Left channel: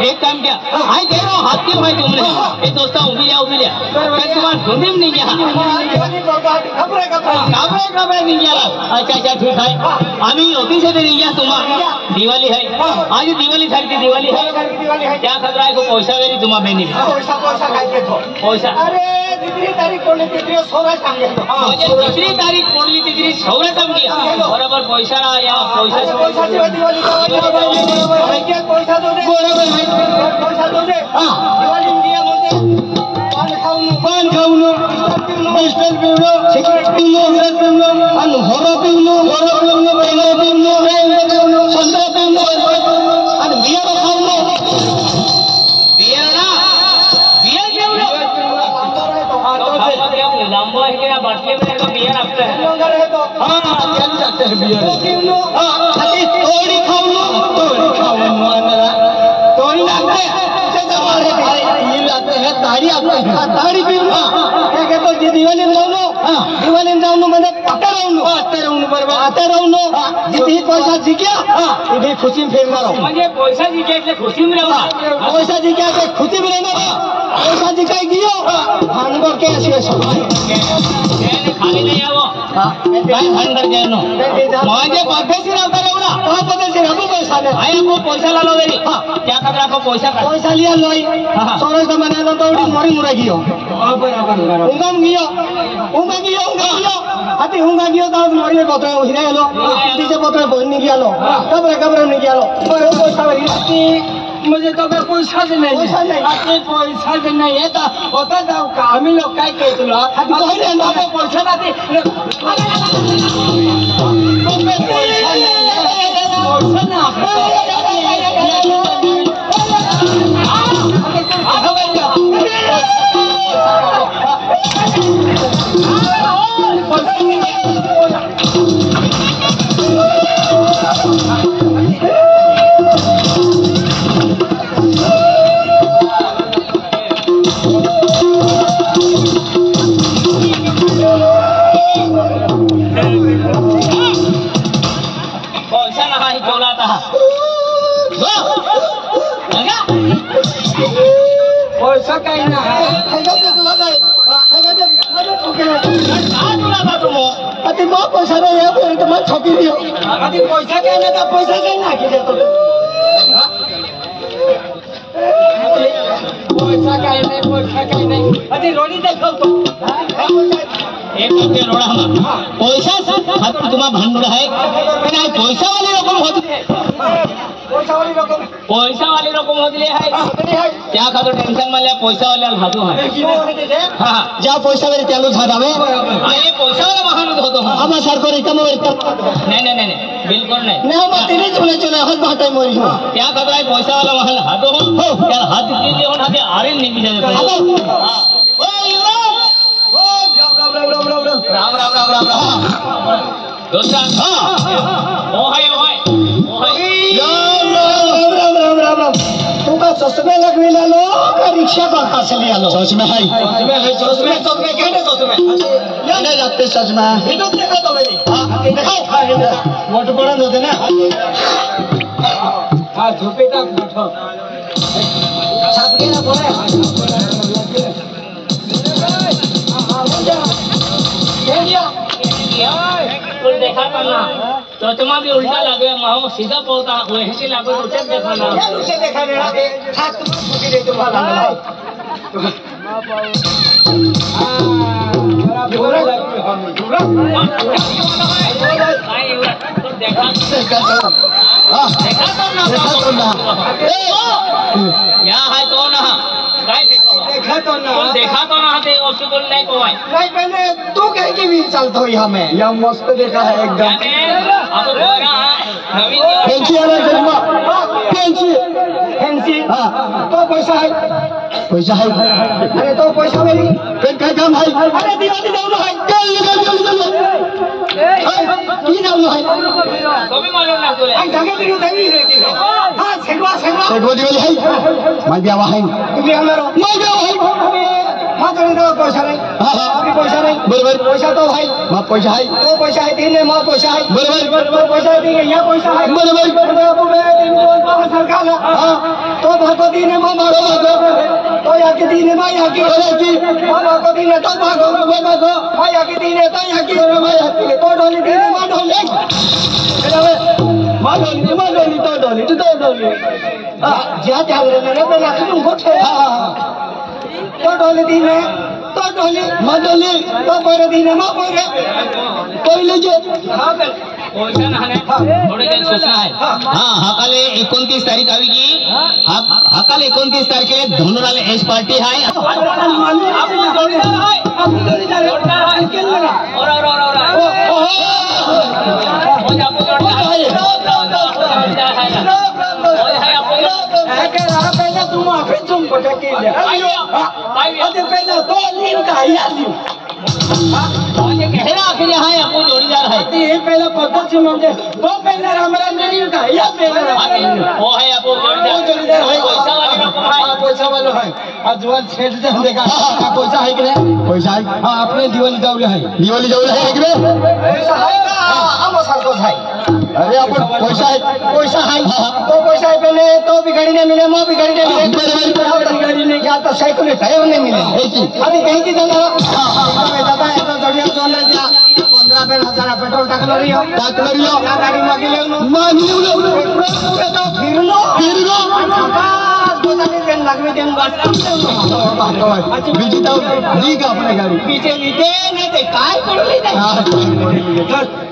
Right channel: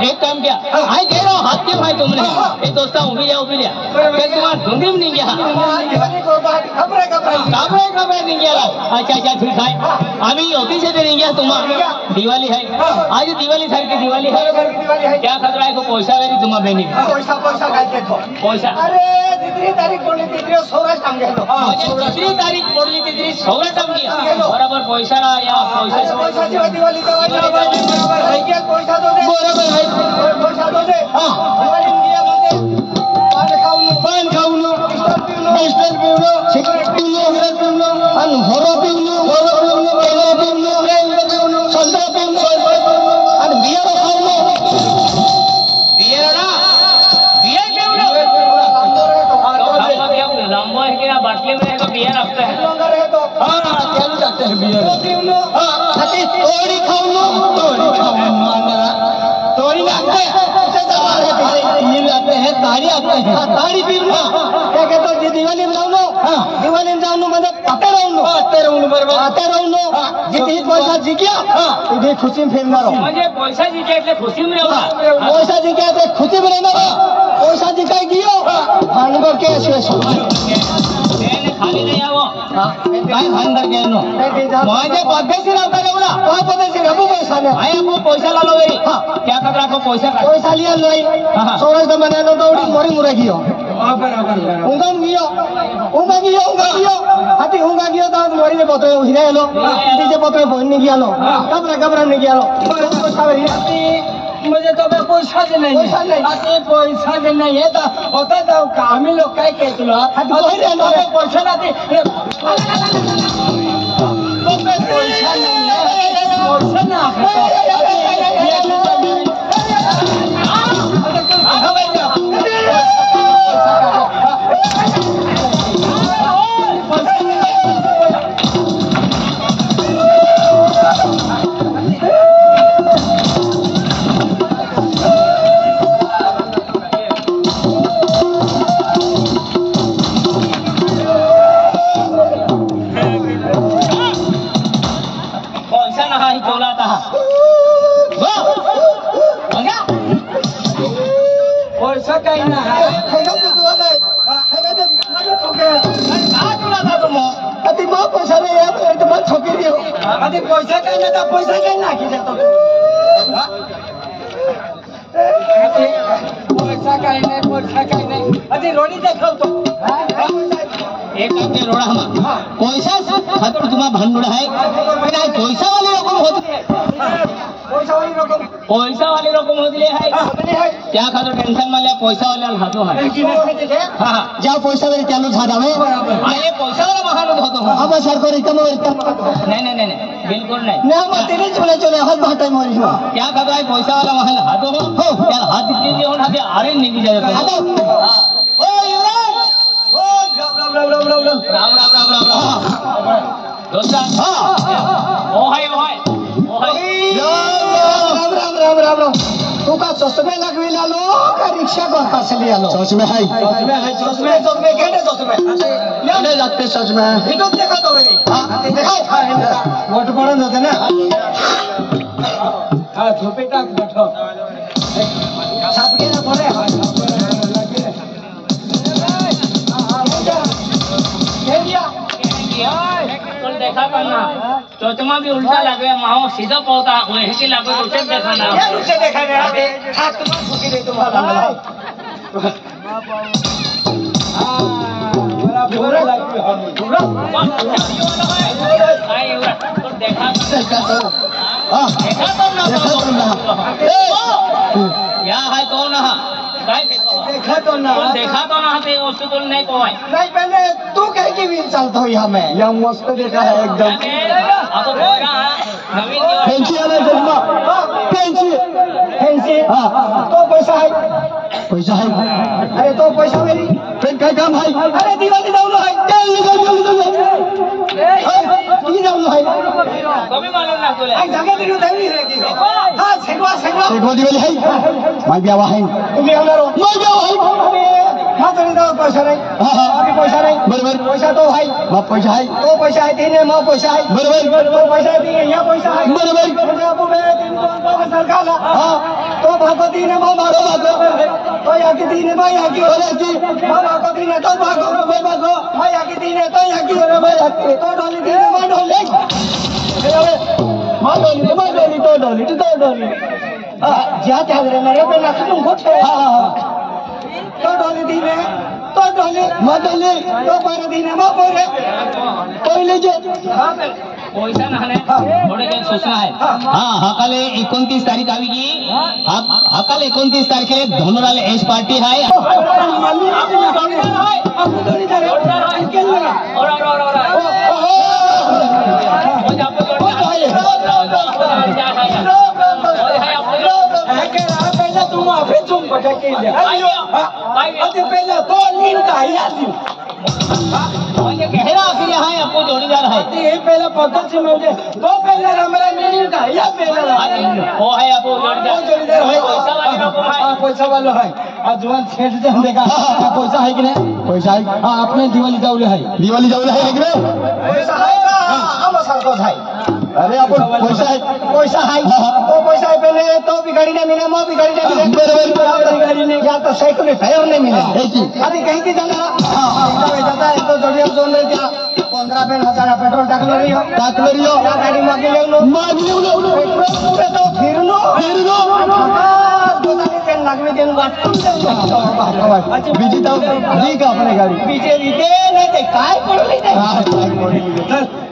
एक काम क्या आई दे रहा हाथ क्यों भाई तुमने ये दोस्ता उभी लिया फिर तुम्हारा ढूंढी नहीं गया खबरे नहीं गया अच्छा ठीक है अभी ऑफिस से भी नहीं गया तुम्हारा दिवाली है आज दिवाली सर की दिवाली है क्या खबर है को पैसा वेरी तुम्हारा बेनी पैसा अरे दूसरी तारीख पड़ली थी सोरा टांगे दूसरी तारीख पड़ली थी सोरा टांगे बराबर पैसा ना या पैसा दिवाली का पैसा दो दे पैसा दो दे दिवाली इंडिया मध्ये पान खाऊन पिस्टल पिवलो सिगरेट पिवलो मिरर पिवलो आणि होरो पिवलो पहिला पिवलो संत्रा पिवलो आणि बियर खाऊन बियर पिवलो लंबो है क्या बाटली में तो बियर आपका है लंगा रहे तो हां क्या जाते हैं बियर पिवलो हां थोड़ी खाऊन तोरी लगते ये लगते हैं दाढ़ी आते हैं दाढ़ी पिवलो क्या कहते हो दिवाली जाऊनो दिवाली जाऊनो मतलब आते रहूनो बरोबर जितनी पैसा जिंकला इथे खुशी में फिरणार म्हणजे पैसा जिंकायचे खुशी में रहना पैसा जिंकायचे खुशी में रहना पैसा जिंकाय गियो भांडर के शेष त्याने खाली नाही आવો काय भांडर केनो म्हणजे पद्धतशीर आवता जेवढा हा पद्धतशीर आपो पैसा दे आय आपो पैसा लालो वेरी क्या खबर आपको पैसा लिया लोई सोरस तो मने लो तो मरी मुरा गियो उंगम गियो हाथी हुंगा गियो तो मरी में पत्र उहिरा हेलो तीसे पत्र बोलनी गियो लो कबर नहीं गियो लो बरोबर पैसा वेरी मुझे तो अगर पैसा दे नहीं है तो होता जाओ का आम्ही लोग काय कहतो लो पैसा ना दे पैसा ना पैसा काही ना अति बहुत पैसा नहीं है तो बहुत ठोकी दियो अति पैसा काही ना तो पैसा काही ना की देतो पैसा काही नाही अति रोडी दाखवतो एक आपके रोड़ा में पैसा तुम्हारा भंडोर है पैसा वाली रकम होती है पैसा वाली रकम होती है क्या खातो टेंशन मारल्या पैसा वाले खातो है ज्या पैसा वाले चालू झाडावे ये पैसा वाला महान होतो हम सरकार इतना नहीं बिल्कुल नहीं ना मत तेरे चले हाथ बाटे मोरी क्या खातो है पैसा वाला महान हातो हो यार हाथ दीजिए और हाथ आरे नहीं भी जाता ओ युवक ओ राम दोस्ता ओ हाय राम तू का चश्मे लगविला लो का रिक्शा पर पासली आलो चश्मे है केडे चश्मे नाही लागते चश्मे इतो देखा तो मेरी देखा मोठ पडून होते ना हा झोपेटा बैठो छाप के ना पड़े तो देखा करना चोचमा भी उल्टा लगे माहो सीधा पौधा वही से लागो तो उसे देखाना ये उसे देखा रे हाथ तुम्हारा फूटी दे तुम्हारा लगा बड़ा बोरा लगे हम पूरा आई उरा तो देखा तो ना या है तो ना काय देखा तो ना देखा तो ना ते वस्तू तो नहीं कोवाय नहीं पहले तू कह के भी चलता हो यहाँ में यहाँ मस्त देखा है एकदम अब बोरा नवीन फैंसी फैंसी हाँ तो पैसा है अरे तो पैसा मेरी फिर क्या काम है अरे दिवाली जाऊँ है की जाऊँ है तो भी मालूम ना चले जगह दियो देवी रहेगी हाँ सेगवा दिवाली है मैं क्या वहाँ तुम्हें हमारो मैं क्या वहाँ माँ तो नहीं दो पैसा नहीं हाँ अभी पैसा नहीं बराबर पैसा तो है माँ पैसा है तो पैसा है तीन है माँ पैसा है बराबर तो पैसा है तीन यहाँ पैसा है बराबर सरकार हाँ तो भागो तीन है माँ तो यहाँ की तीन है माँ यहाँ की माँ भागो तीन है तो भागो माँ यहाँ की तीन है तो यहाँ की तो ढोली तीन है माँ ढोली तो ढोली ज्या त्या मेरे पे नाच तुम कुछ तो ढोली तीन है तो ढोली माँ ढोली तो पैरे तीन है माँ पैरे तो लीजिए पैसा नाही थोडे काही सूचना आहे हा हकाले 29 तारीख आवी की हकाले 29 तारखेला धोंडराला एस पार्टी आहे आपण जोडीदार आहे केलरा पहले तुम ऑफिस तुम भटके पहले तो लीव का या लीव कहना आखिर यहाँ आपको जोड़ीदार है ये पहले पकड़ से मुझे वो पहले हमारा मीटिंग का या पहले वो है आपको जोड़ीदार है पैसा वाले लोग है पैसा वाले है और जवान छेड़ दे देखा पैसा है कि नहीं पैसा है हाँ आपने दिवाली जाऊले है कि नहीं पैसा है का हम सर को है अरे आपको पैसा है तो पैसा है पहले तो भी गाड़ी नहीं मिले वो भी गाड़ी नहीं मिले गाड़ी नहीं क्या तो साइकिल टायर नहीं मिले अभी कहीं की जगह तो जोड़िया जोन ले दिया 15,000 पेट्रोल टाकलो रियो या गाड़ी मागिले पेट्रोल पूरे तो फिरलो बताने देन लगवे देन बीजी तो दी का अपने गाड़ी पीछे दी दे नहीं काय पड़ली नहीं